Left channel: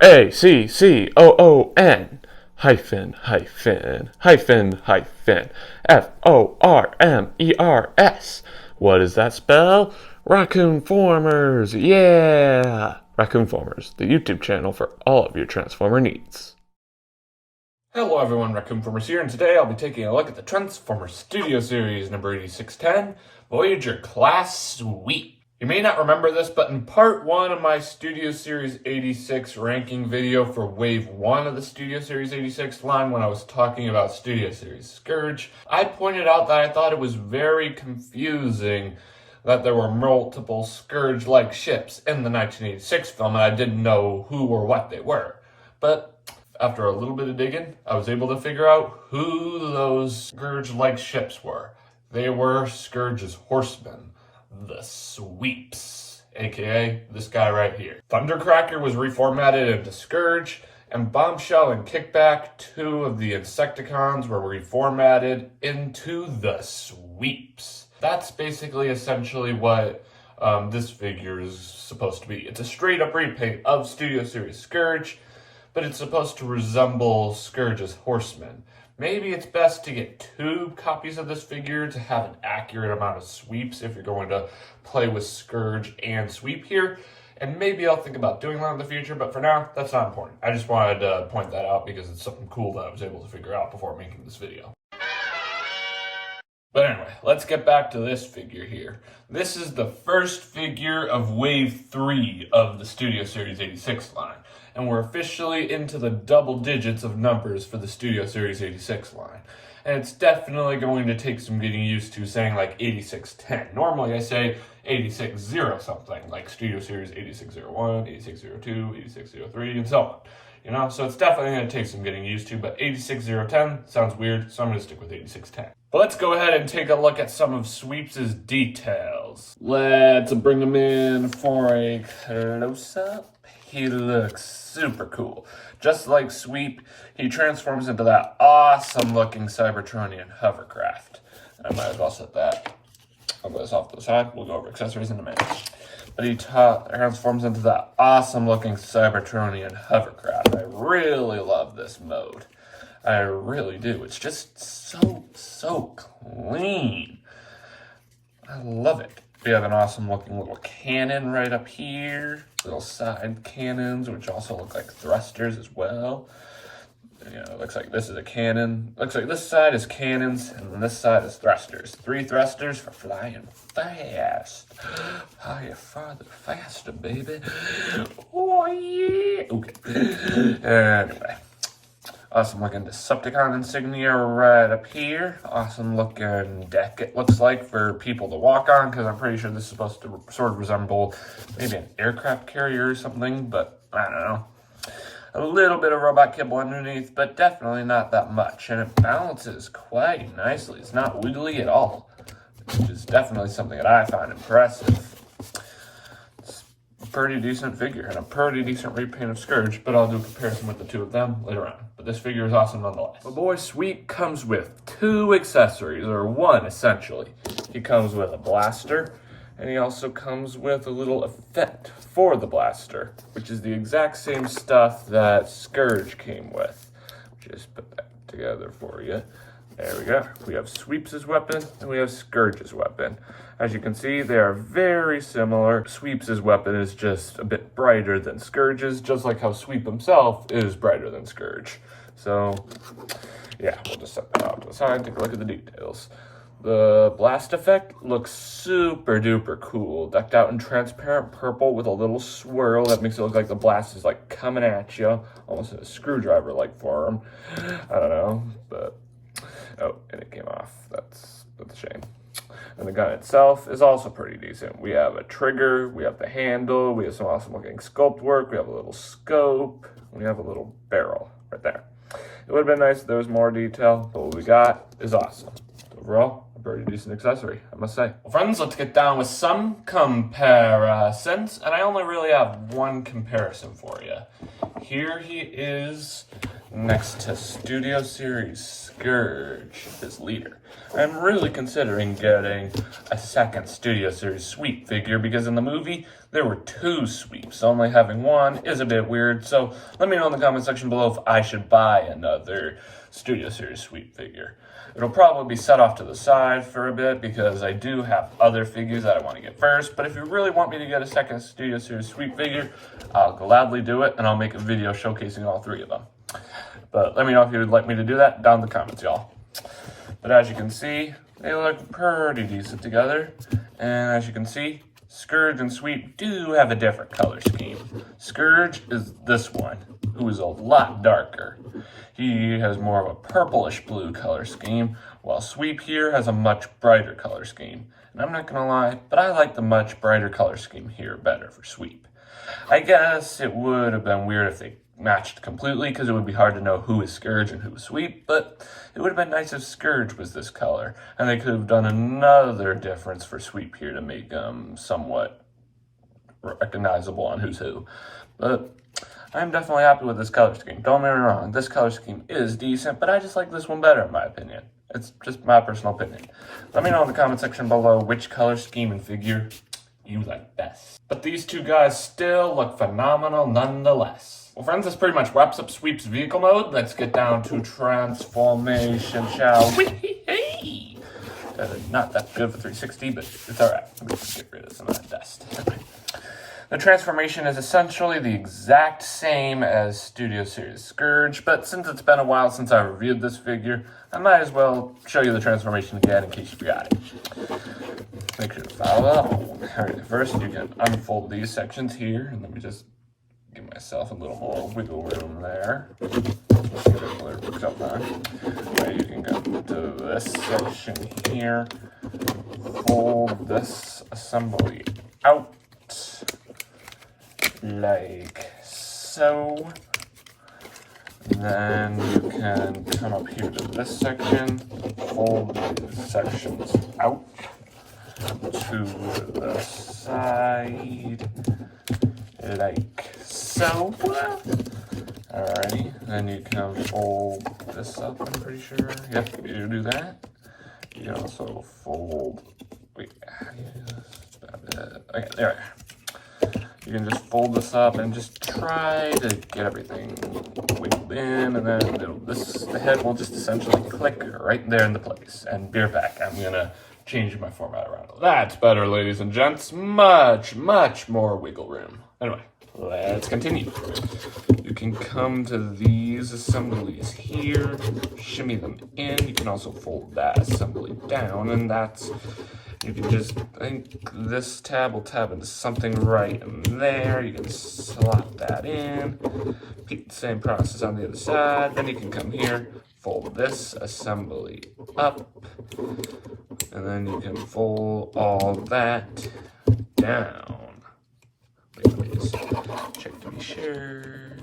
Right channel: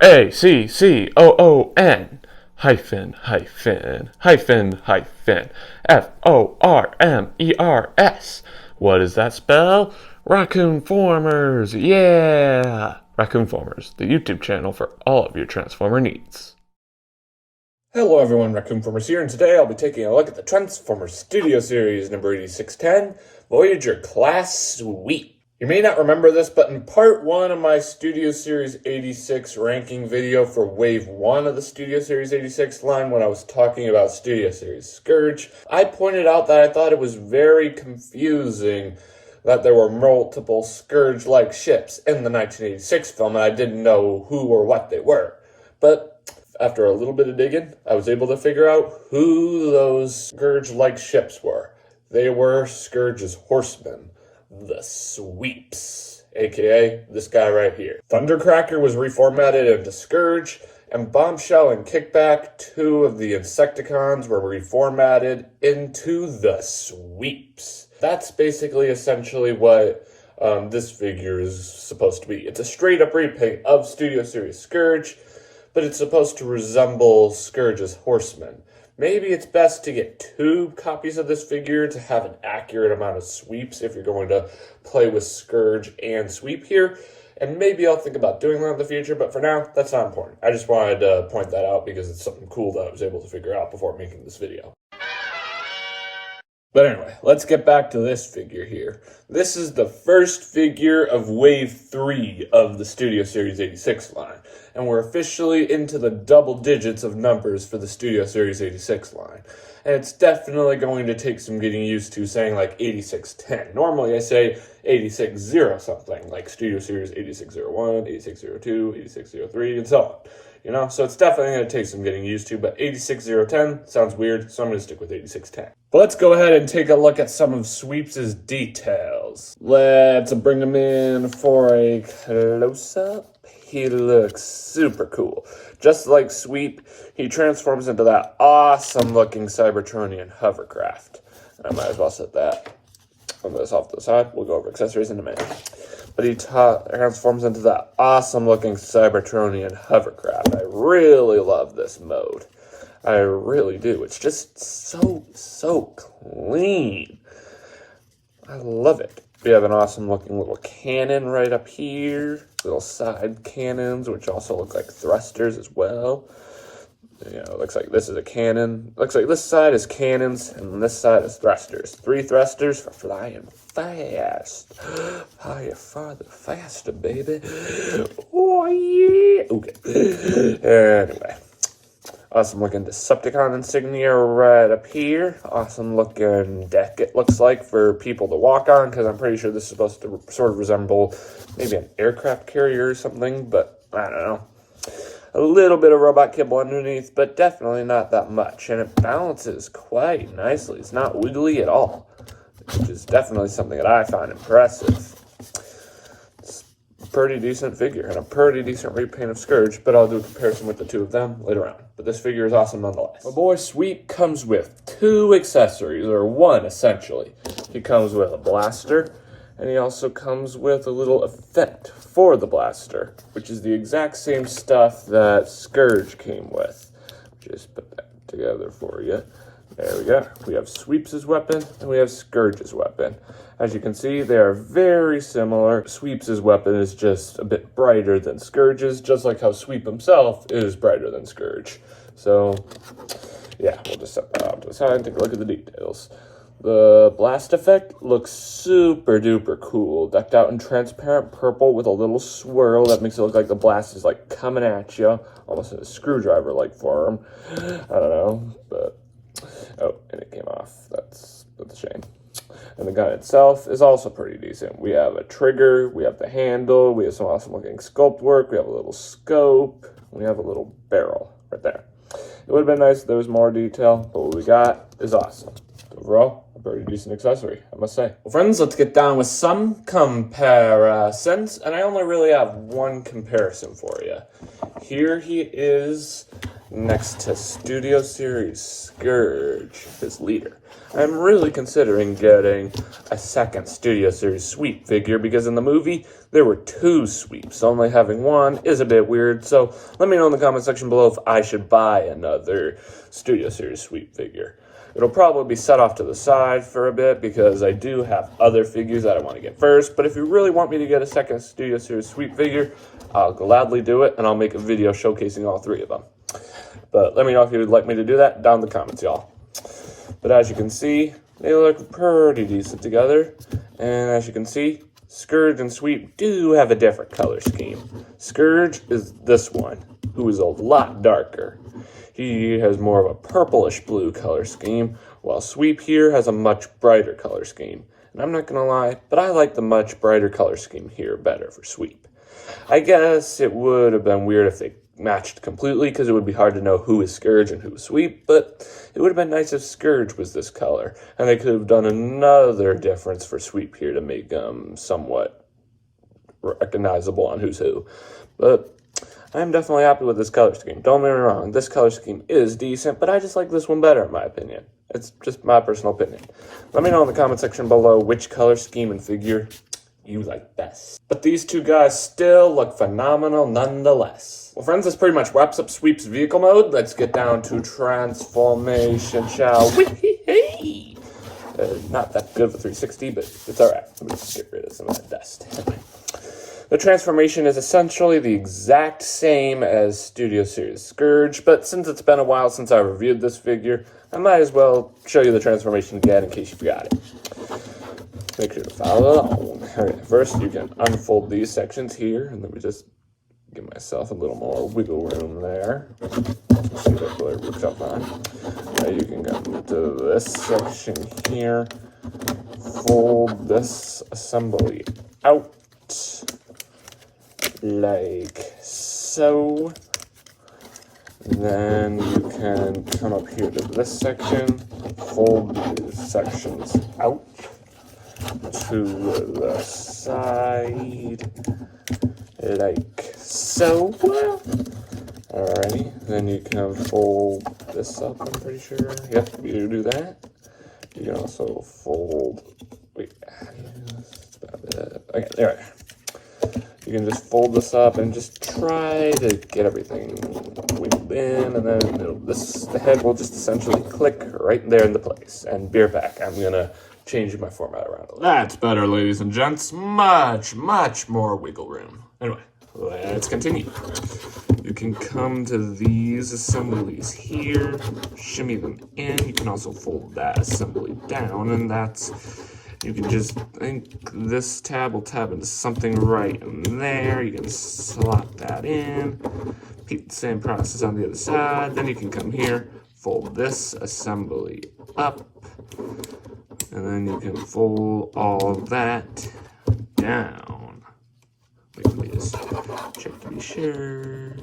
Raccoon hyphen hyphen hyphen hyphen Formers. What does that spell? Raccoon-Formers, yeah! Raccoon-Formers, the YouTube channel for all of your Transformer needs. Hello everyone, Raccoon-Formers here, and today I'll be taking a look at the Transformers Studio Series number 8610, Voyager Class Sweep. You may not remember this, but in part 1 of my Studio Series 86 ranking video for Wave 1 of the Studio Series 86 line, when I was talking about Studio Series Scourge, I pointed out that I thought it was very confusing that there were multiple Scourge-like ships in the 1986 film, and I didn't know who or what they were. But after a little bit of digging, I was able to figure out who those Scourge-like ships were. They were Scourge's horsemen, the Sweeps, aka this guy right here. Thundercracker was reformatted into Scourge, and Bombshell and Kickback, two of the Insecticons, were reformatted into the Sweeps. That's basically essentially what this figure is supposed to be. It's a straight up repaint of Studio Series Scourge, but it's supposed to resemble Scourge's horsemen. Maybe it's best to get 2 copies of this figure to have an accurate amount of sweeps if you're going to play with Scourge and Sweep here. And maybe I'll think about doing that in the future, but for now, that's not important. I just wanted to point that out because it's something cool that I was able to figure out before making this video. But anyway, let's get back to this figure here. This is the first figure of Wave 3 of the Studio Series 86 line, and we're officially into the double digits of numbers for the Studio Series 86 line. And it's definitely going to take some getting used to saying like 8610. Normally I say 86-0 something, like Studio Series 8601, 8602, 8603, and so on. You know, so it's definitely going to take some getting used to, but 86010 sounds weird, so I'm going to stick with 8610. But let's go ahead and take a look at some of Sweeps' details. Let's bring him in for a close-up. He looks super cool. Just like Sweep, he transforms into that awesome-looking Cybertronian hovercraft. I might as well set that on this off to the side. We'll go over accessories in a minute. But he transforms into that awesome-looking Cybertronian hovercraft. I really love this mode. I really do. It's just so clean. I love it. We have an awesome-looking little cannon right up here. Little side cannons, which also look like thrusters as well. You know, it looks like this is a cannon. Looks like this side is cannons, and this side is thrusters. 3 thrusters for flying fast. Higher, farther, faster, baby. Oh, yeah. Okay. Anyway. Awesome looking Decepticon insignia right up here. Awesome looking deck, it looks like, for people to walk on, because I'm pretty sure this is supposed to sort of resemble maybe an aircraft carrier or something, but I don't know. A little bit of robot kibble underneath, but definitely not that much. And it balances quite nicely. It's not wiggly at all, which is definitely something that I find impressive. It's a pretty decent figure and a pretty decent repaint of Scourge, but I'll do a comparison with the 2 of them later on. But this figure is awesome nonetheless. My boy Sweep comes with 2 accessories, or 1 essentially. He comes with a blaster, and he also comes with a little effect for the blaster, which is the exact same stuff that Scourge came with. Just put that together for you. There we go. We have Sweeps' weapon, and we have Scourge's weapon. As you can see, they are very similar. Sweeps' weapon is just a bit brighter than Scourge's, just like how Sweep himself is brighter than Scourge. So, yeah, we'll just set that off to the side and take a look at the details. The blast effect looks super duper cool, decked out in transparent purple with a little swirl that makes it look like the blast is like coming at you, almost in a screwdriver-like form. I don't know, but oh, and it came off. That's a shame. And the gun itself is also pretty decent. We have a trigger, we have the handle, we have some awesome looking sculpt work, we have a little scope, we have a little barrel right there. It would have been nice if there was more detail, but what we got is awesome. Overall, a pretty decent accessory, I must say. Well, friends, let's get down with some comparisons, and I only really have 1 comparison for you. Here he is next to Studio Series Scourge, his leader. I'm really considering getting a second Studio Series Sweep figure because in the movie, there were 2 sweeps, so only having 1 is a bit weird. So let me know in the comment section below if I should buy another Studio Series sweep figure. It'll probably be set off to the side for a bit because I do have other figures that I want to get first. But if you really want me to get a second Studio Series sweep figure, I'll gladly do it, and I'll make a video showcasing all 3 of them. But let me know if you would like me to do that down in the comments, y'all. But as you can see, they look pretty decent together. And as you can see, Scourge and Sweep do have a different color scheme. Scourge is this one, who is a lot darker. He has more of a purplish blue color scheme, while Sweep here has a much brighter color scheme. And I'm not gonna lie, but I like the much brighter color scheme here better for Sweep. I guess it would have been weird if they matched completely, because it would be hard to know who is Scourge and who is Sweep, but it would have been nice if Scourge was this color, and they could have done another difference for Sweep here to make them somewhat recognizable on who's who. But I'm definitely happy with this color scheme. Don't get me wrong, this color scheme is decent, but I just like this one better in my opinion. It's just my personal opinion. Let me know in the comment section below which color scheme and figure you like best. But these 2 guys still look phenomenal nonetheless. Well friends, this pretty much wraps up Sweep's vehicle mode. Let's get down to transformation, shall we? Not that good for 360, but it's alright. Let me just get rid of some of that dust. The transformation is essentially the exact same as Studio Series Scourge, but since it's been a while since I reviewed this figure, I might as well show you the transformation again in case you forgot it. Make sure to follow along. Alright, first you can unfold these sections here, and let me just give myself a little more wiggle room there. See if that blur gets up on. Okay, you can come to this section here, fold this assembly out, like so. Then you can come up here to this section, fold these sections out to the side, like so. Alrighty, then you can fold this up, I'm pretty sure. Yep, you do that. You can also fold, wait, okay, there we are. You can just fold this up and just try to get everything wiggled in, and then the head will just essentially click right there into place. And be right back. I'm gonna change my format around a little. That's better, ladies and gents. Much, much more wiggle room. Anyway, let's continue. You can come to these assemblies here, shimmy them in. You can also fold that assembly down, and that's, you can just, I think this tab will tab into something right in there. You can slot that in. Repeat the same process on the other side. Then you can come here, fold this assembly up, and then you can fold all that down. Wait, let me just check to be sure.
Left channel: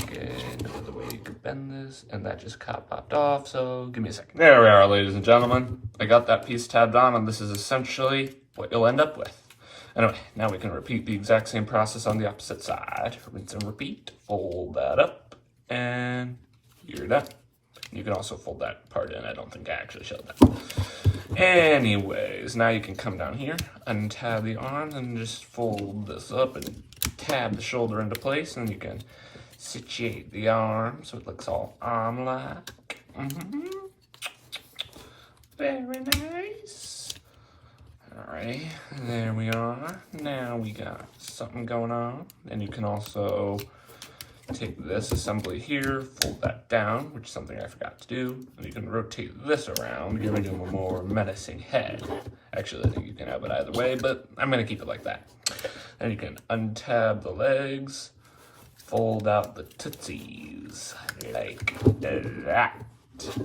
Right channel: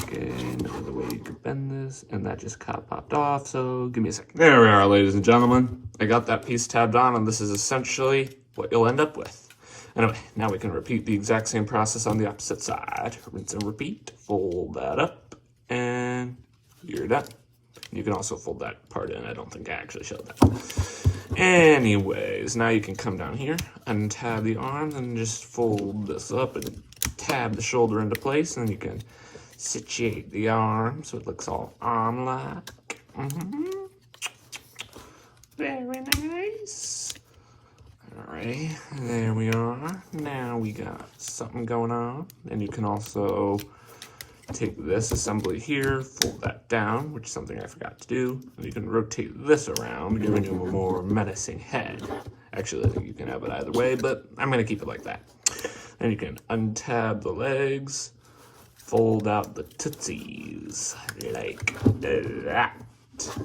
Okay, no other way you can bend this, and that just popped off, so give me a second. There we are, ladies and gentlemen. I got that piece tabbed on, and this is essentially what you'll end up with. Anyway, now we can repeat the exact same process on the opposite side. Rinse and repeat, fold that up, and you're done. You can also fold that part in. I don't think I actually showed that. Anyways, now you can come down here, untab the arms, and just fold this up and tab the shoulder into place, and you can situate the arm so it looks all arm-like. Very nice. Alright, there we are. Now we got something going on. And you can also take this assembly here, fold that down, which is something I forgot to do. And you can rotate this around, giving him a more menacing head. Actually, I think you can have it either way, but I'm going to keep it like that. Then you can untab the legs, fold out the tootsies, like that.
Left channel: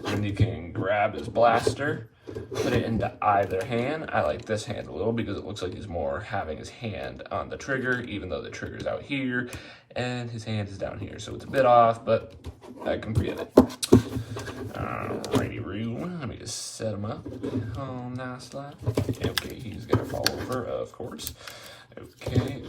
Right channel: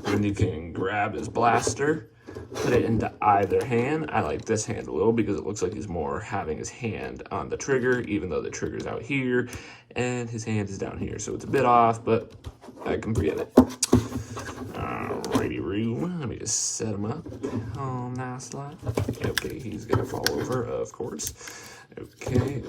Then you can grab his blaster, put it into either hand. I like this hand a little because it looks like he's more having his hand on the trigger, even though the trigger's out here, and his hand is down here. So it's a bit off, but I can forget it. Alrighty, Roo. Let me just set him up. Oh, nice like. Okay, he's gonna fall over, of course. Okay.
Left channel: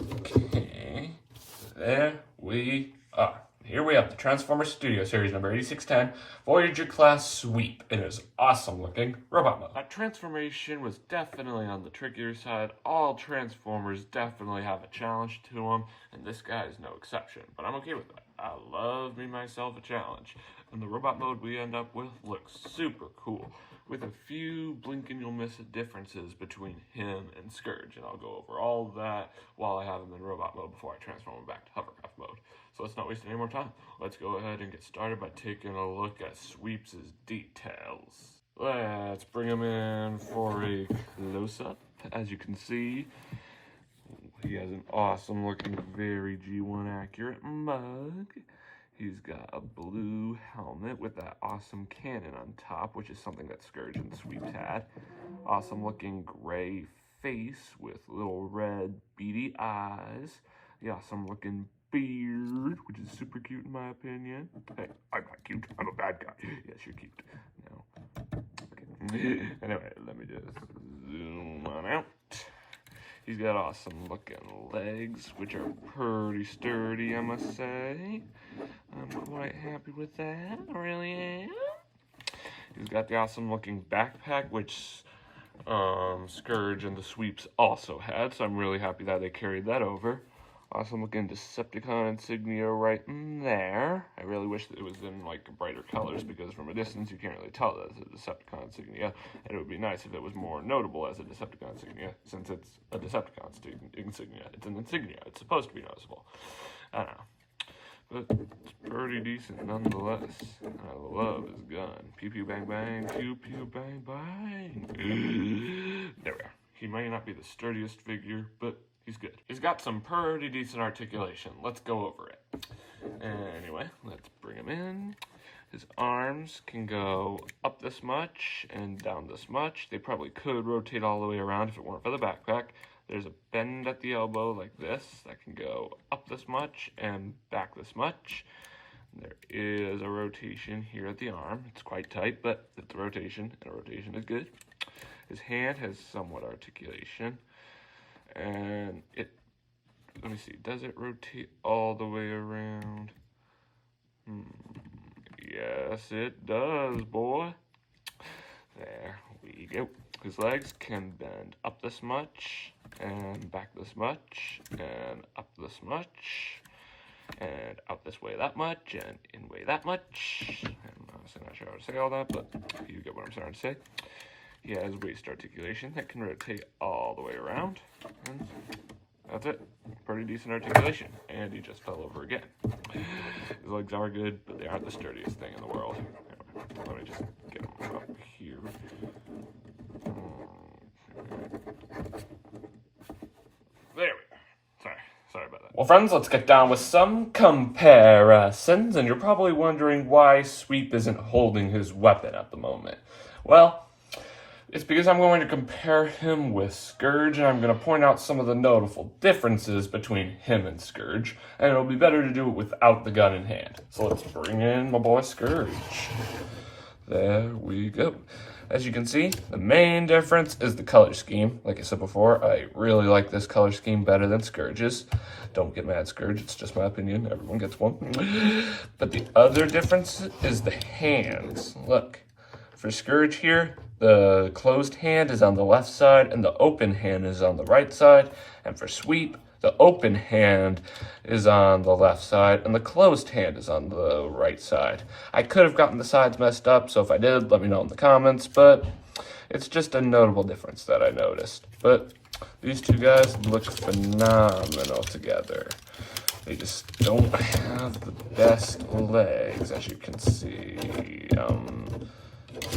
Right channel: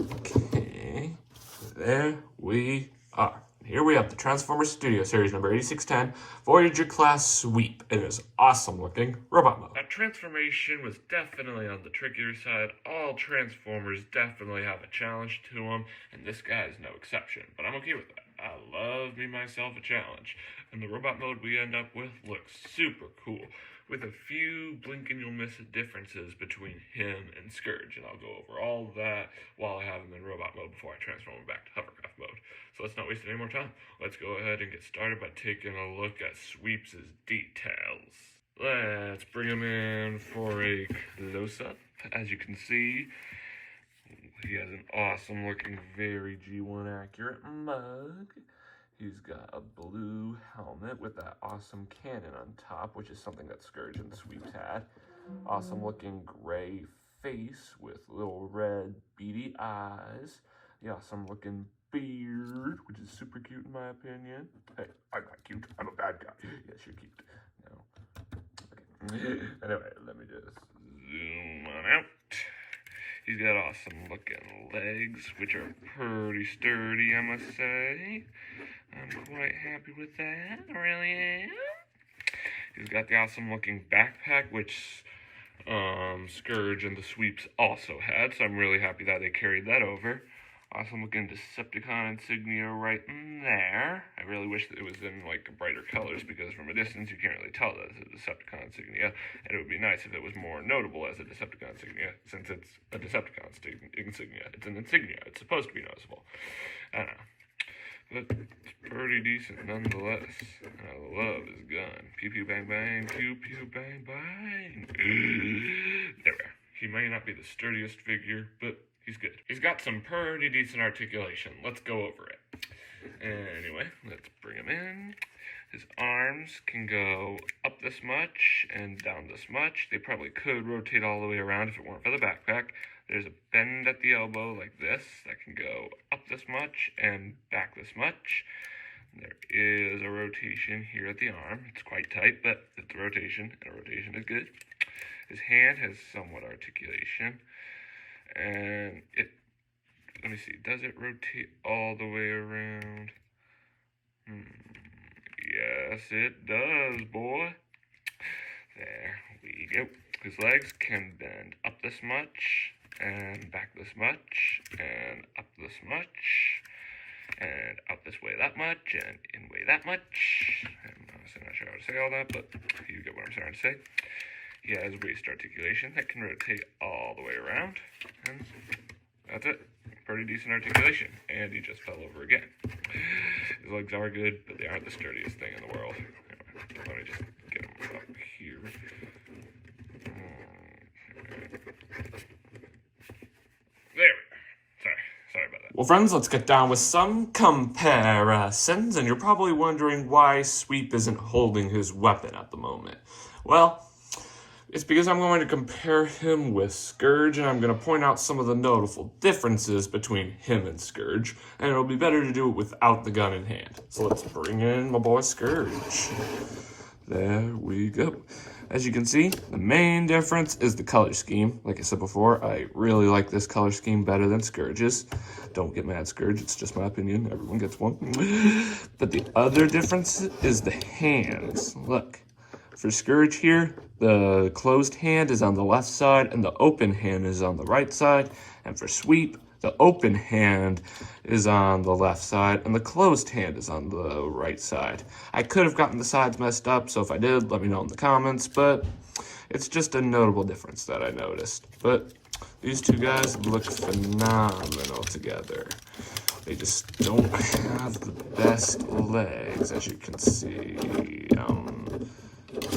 There we are. Here we have the Transformers Studio Series number 8610 Voyager class sweep. It is awesome looking robot mode. That transformation was definitely on the trickier side. All Transformers definitely have a challenge to them, and this guy is no exception. But I'm okay with that. I love me myself a challenge. And the robot mode we end up with looks super cool, with a few blink and you'll miss it differences between him and Scourge. And I'll go over all of that while I have him in robot mode before I transform him back to hovercraft mode. So let's not waste any more time. Let's go ahead and get started by taking a look at Sweeps' details. Let's bring him in for a close-up. As you can see, he has an awesome looking, very G1 accurate mug. He's got a blue helmet with that awesome cannon on top, which is something that Scourge and the Sweeps had. Awesome looking gray face with little red beady eyes. The awesome looking beard, which is super cute in my opinion. Hey, I'm not cute. I'm a bad guy. Yes, you're cute. No. Okay. Anyway, let me just zoom on out. He's got awesome looking legs, which are pretty sturdy, I must say. I'm quite happy with that. I really am. He's got the awesome looking backpack, which Scourge and the Sweeps also had, so I'm really happy that they carried that over. Awesome looking Decepticon insignia right in there. I really wish that it was in like brighter colors, because from a distance you can't really tell that it's a Decepticon insignia, and it would be nice if it was more notable as a Decepticon insignia, since it's a Decepticon insignia. It's an insignia. It's supposed to be noticeable. I don't know. But it's pretty decent nonetheless. I love his gun. Pew pew bang bang, pew pew bang bang. There we are. He may not be the sturdiest figure, but he's good. He's got some pretty decent articulation. Let's go over it. Anyway, let's bring him in. His arms can go up this much and down this much. They probably could rotate all the way around if it weren't for the backpack. There's a bend at the elbow like this that can go up this much and back this much. There is a rotation here at the arm. It's quite tight, but it's a rotation, and a rotation is good. His hand has somewhat articulation. And let me see, does it rotate all the way around? Yes, it does, boy. There we go. His legs can bend up this much, and back this much, and up this much, and out this way that much, and in way that much. I'm honestly not sure how to say all that, but you get what I'm trying to say. He has waist articulation that can rotate all the way around, and that's it. Pretty decent articulation, and he just fell over again. His legs are good, but they aren't the sturdiest thing in the world. Anyway, let me just get him up here. There we go. Sorry about that. Well, friends, let's get down with some comparisons, and you're probably wondering why Sweep isn't holding his weapon at the moment. Well, it's because I'm going to compare him with Scourge, and I'm going to point out some of the notable differences between him and Scourge, and it'll be better to do it without the gun in hand. So let's bring in my boy Scourge. There we go. As you can see, the main difference is the color scheme. Like I said before, I really like this color scheme better than Scourge's. Don't get mad, Scourge, it's just my opinion. Everyone gets one. But the other difference is the hands. Look. For Scourge here, the closed hand is on the left side and the open hand is on the right side. And for Sweep, the open hand is on the left side and the closed hand is on the right side. I could have gotten the sides messed up, so if I did, let me know in the comments, but it's just a notable difference that I noticed. But these two guys look phenomenal together. They just don't have the best legs, as you can see.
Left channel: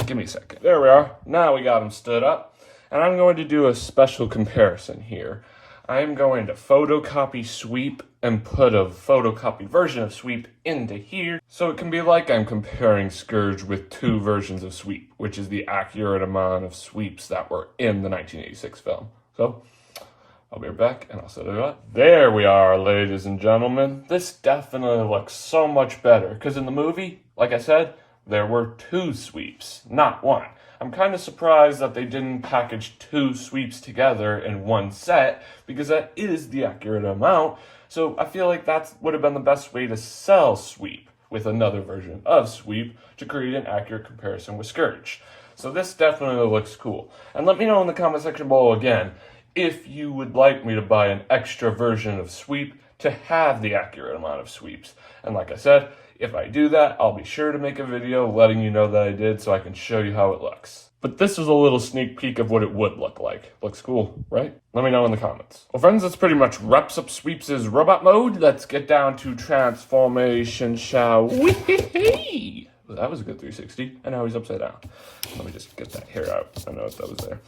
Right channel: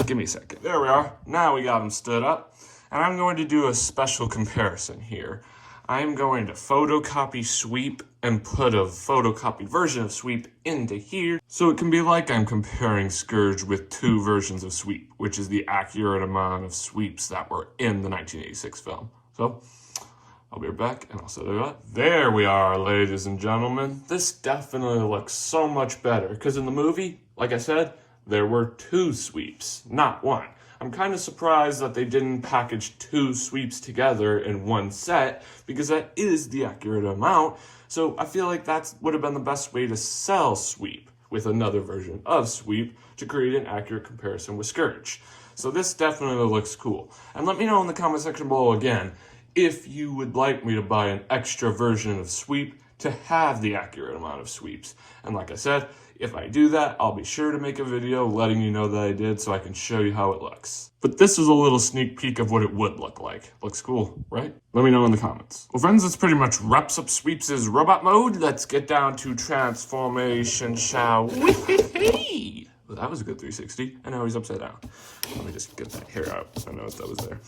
Give me a second. There we are. Now we got him stood up. And I'm going to do a special comparison here. I'm going to photocopy Sweep and put a photocopied version of Sweep into here, so it can be like I'm comparing Scourge with two versions of Sweep, which is the accurate amount of Sweeps that were in the 1986 film. So, I'll be right back, and I'll set it up. There we are, ladies and gentlemen. This definitely looks so much better, because in the movie, like I said, there were two Sweeps, not one. I'm kind of surprised that they didn't package two Sweeps together in one set, because that is the accurate amount, So I feel like that would have been the best way to sell Sweep with another version of Sweep to create an accurate comparison with Scourge. So this definitely looks cool. And let me know in the comment section below again if you would like me to buy an extra version of Sweep to have the accurate amount of sweeps. And like I said, if I do that, I'll be sure to make a video letting you know that I did so I can show you how it looks. But this is a little sneak peek of what it would look like. Looks cool, right? Let me know in the comments. Well, friends, that's pretty much wraps up Sweeps' robot mode. Let's get down to transformation, shall we? Well, that was a good 360, and now he's upside down. Let me just get that hair out. I know if that was there.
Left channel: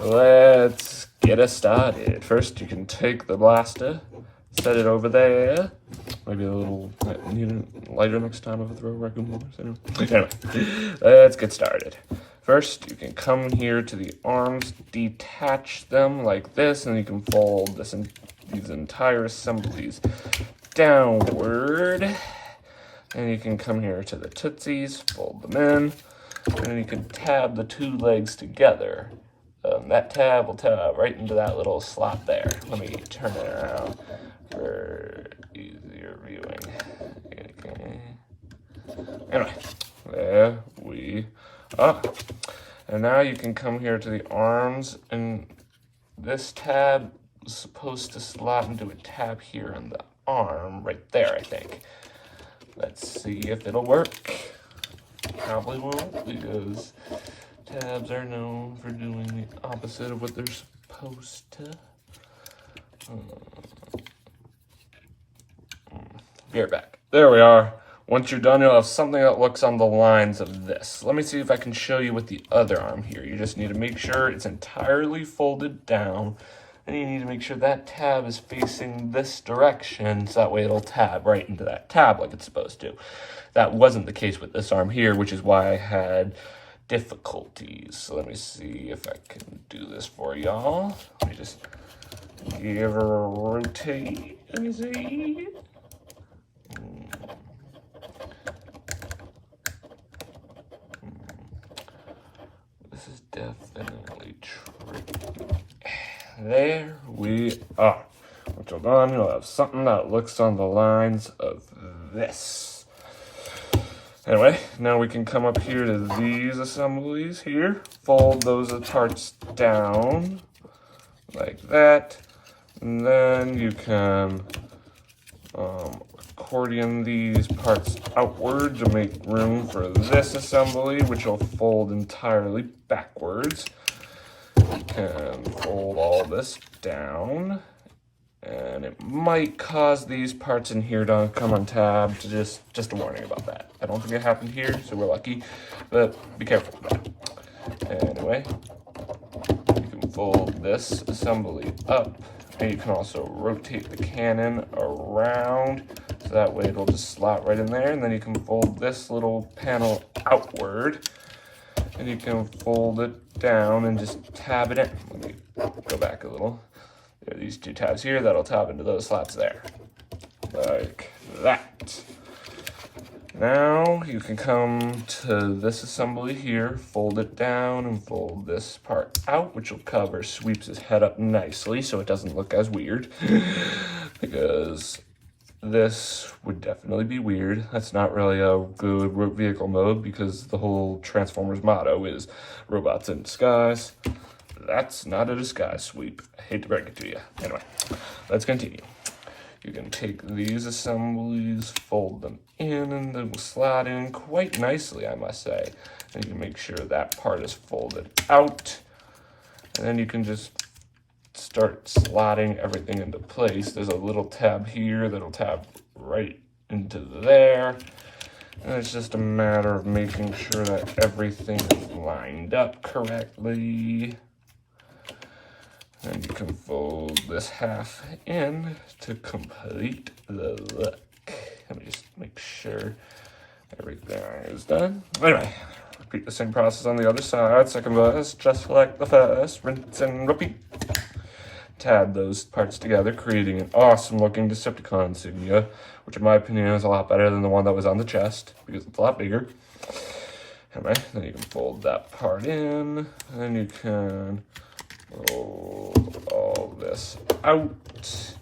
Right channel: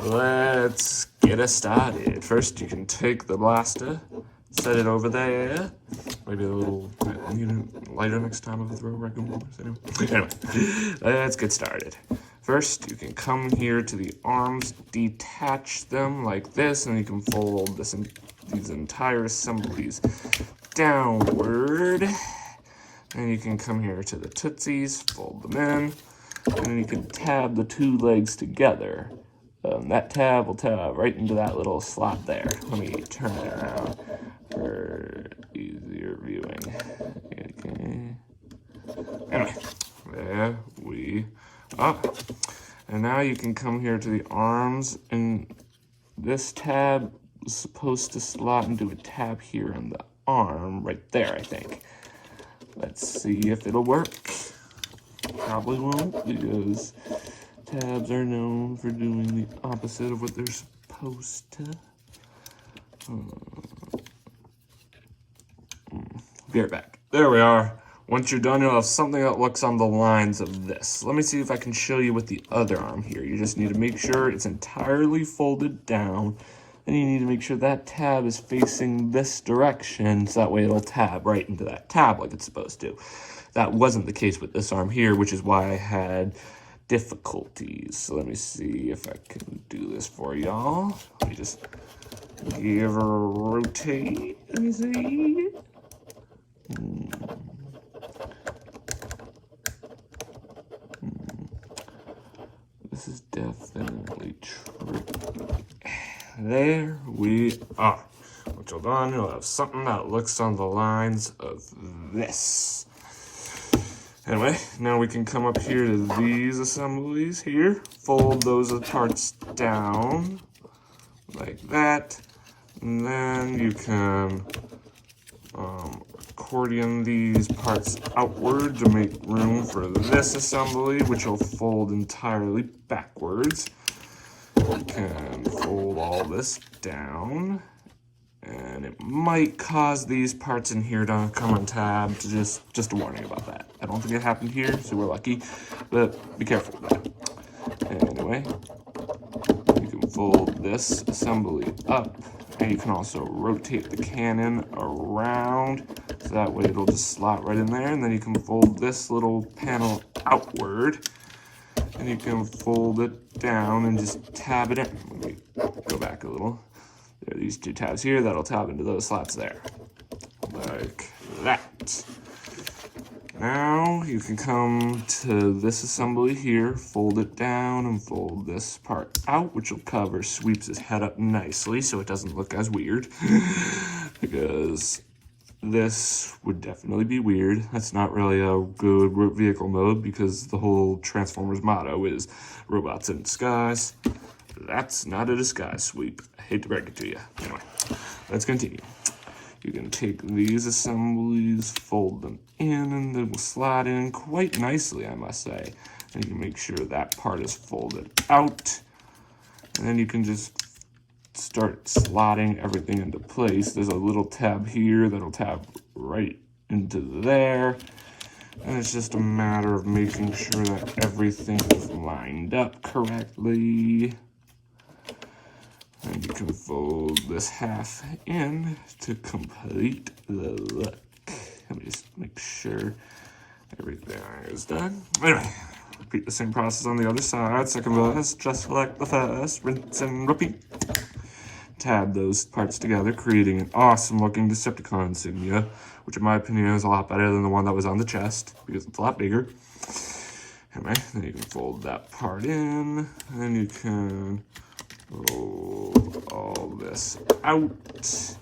Anyway, let's get us started. First, you can take the blaster, set it over there. Maybe a little lighter next time if I throw Raccoon-Formers. Anyway, let's get started. First, you can come here to the arms, detach them like this, and you can fold these entire assemblies downward. And you can come here to the tootsies, fold them in, and then you can tab the two legs together. That tab will tab right into that little slot there. Let me turn it around for easier viewing. Okay. Anyway, there we are. And now you can come here to the arms, and this tab is supposed to slot into a tab here in the arm, right there, I think. Let's see if it'll work. Probably won't, because tabs are known for doing the opposite of what they're supposed to. Be right back. There we are. Once you're done, you'll have something that looks on the lines of this. Let me see if I can show you with the other arm here. You just need to make sure it's entirely folded down. Then you need to make sure that tab is facing this direction, so that way it'll tab right into that tab like it's supposed to. That wasn't the case with this arm here, which is why I had difficulties. So let me see if I can do this for y'all. Let me just give her a rotate. Let me see. This is definitely tricky. There we are. Once you're done, you'll have something that looks on the lines of this. Anyway, now we can come up here to these assemblies here, fold those parts down like that, and then you can accordion these parts outward to make room for this assembly, which will fold entirely backwards. You can fold all this down, and it might cause these parts in here to come untabbed. Just a warning about that. I don't think it happened here, so we're lucky, but be careful with that. Anyway, you can fold this assembly up, and you can also rotate the cannon around, so that way it'll just slot right in there, and then you can fold this little panel outward, and you can fold it down and just tab it in. Let me go back a little. There are these two tabs here that'll tab into those slots there. Like that. Now you can come to this assembly here, fold it down and fold this part out, which will cover Sweeps' head up nicely so it doesn't look as weird. Because this would definitely be weird. That's not really a good vehicle mode because the whole Transformers motto is robots in disguise. That's not a disguise, Sweep. I hate to break it to you. Anyway, let's continue. You can take these assemblies, fold them in, and they will slide in quite nicely, I must say. And you can make sure that part is folded out. And then you can just start slotting everything into place. There's a little tab here that'll tab right into there. And it's just a matter of making sure that everything is lined up correctly. And you can fold this half in to complete the look. Let me just make sure everything is done. Anyway, repeat the same process on the other side. Second verse, just like the first. Rinse and repeat. Tab those parts together, creating an awesome looking Decepticon insignia, which in my opinion is a lot better than the one that was on the chest, because it's a lot bigger. Anyway, then you can fold that part in, and then you can roll all this out,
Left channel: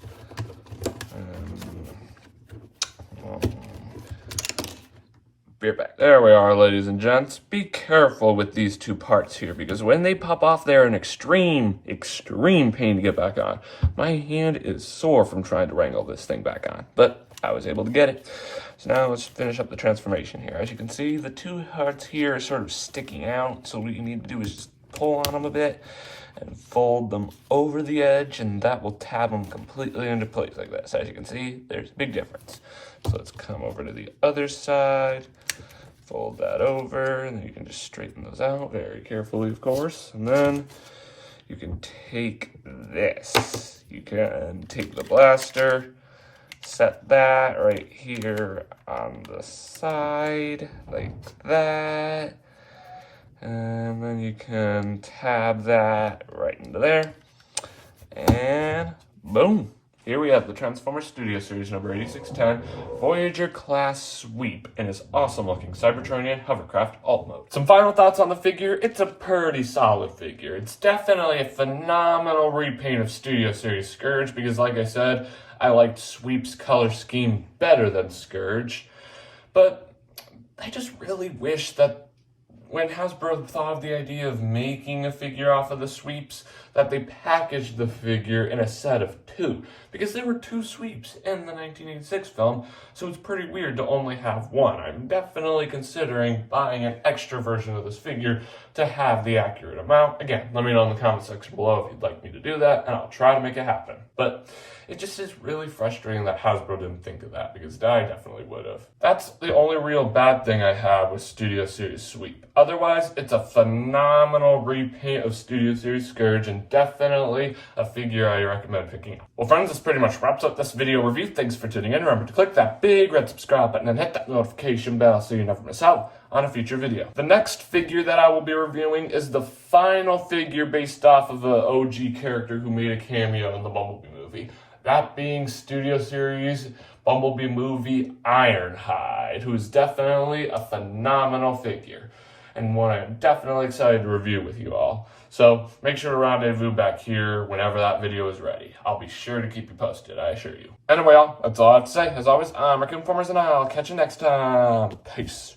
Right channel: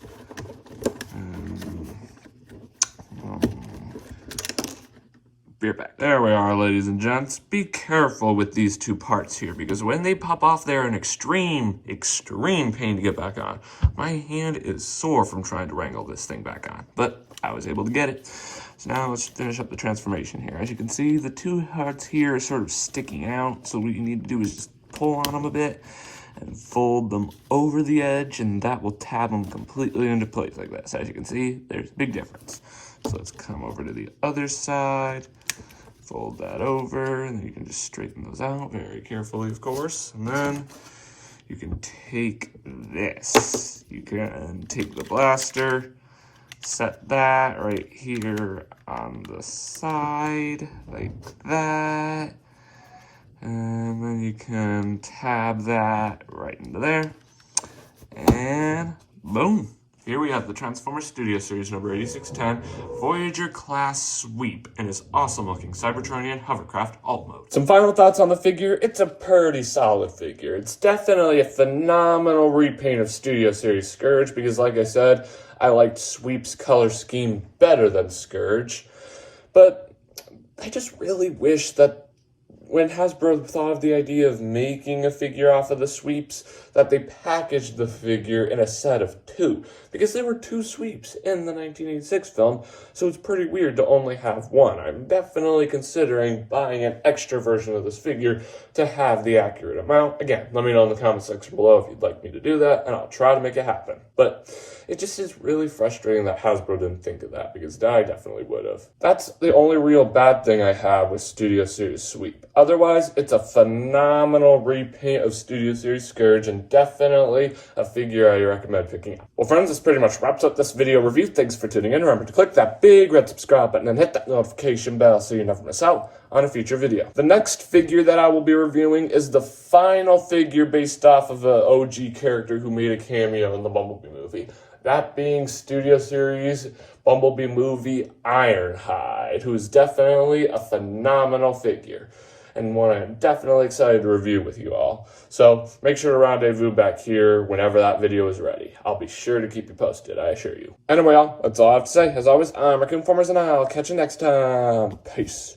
Be right back. There we are, ladies and gents. Be careful with these two parts here, because when they pop off, they're an extreme pain to get back on. My hand is sore from trying to wrangle this thing back on, but I was able to get it. So now let's finish up the transformation here. As you can see, the two parts here are sort of sticking out, so what you need to do is just pull on them a bit and fold them over the edge, and that will tab them completely into place like this. As you can see, there's a big difference. So let's come over to the other side, fold that over, and then you can just straighten those out very carefully, of course. And then you can take this. You can take the blaster, set that right here on the side, like that. And then you can tab that right into there. And boom. Here we have the Transformers Studio Series number 8610 Voyager class sweep in his awesome looking Cybertronian hovercraft alt mode. Some final thoughts on the figure. It's a pretty solid figure. It's definitely a phenomenal repaint of Studio Series Scourge because, like I said, I liked Sweep's color scheme better than Scourge. But I just really wish that when Hasbro thought of the idea of making a figure off of the sweeps, that they packaged the figure in a set of two, because there were two sweeps in the 1986 film, so it's pretty weird to only have one. I'm definitely considering buying an extra version of this figure to have the accurate amount. Again, let me know in the comment section below if you'd like me to do that, and I'll try to make it happen. But it just is really frustrating that Hasbro didn't think of that, because I definitely would have. That's the only real bad thing I have with Studio Series Sweep. Otherwise, it's a phenomenal repaint of Studio Series Scourge, and definitely a figure I recommend picking up. Well, friends, this pretty much wraps up this video review. Thanks for tuning in. Remember to click that big red subscribe button and hit that notification bell so you never miss out on a future video. The next figure that I will be reviewing is the final figure based off of an OG character who made a cameo in the Bumblebee movie. That being Studio Series Bumblebee movie Ironhide, who is definitely a phenomenal figure, and one I'm definitely excited to review with you all. So make sure to rendezvous back here whenever that video is ready. I'll be sure to keep you posted, I assure you. Anyway, y'all, that's all I have to say. As always, I'm Raccoon-Formers, and I'll catch you next time. Peace.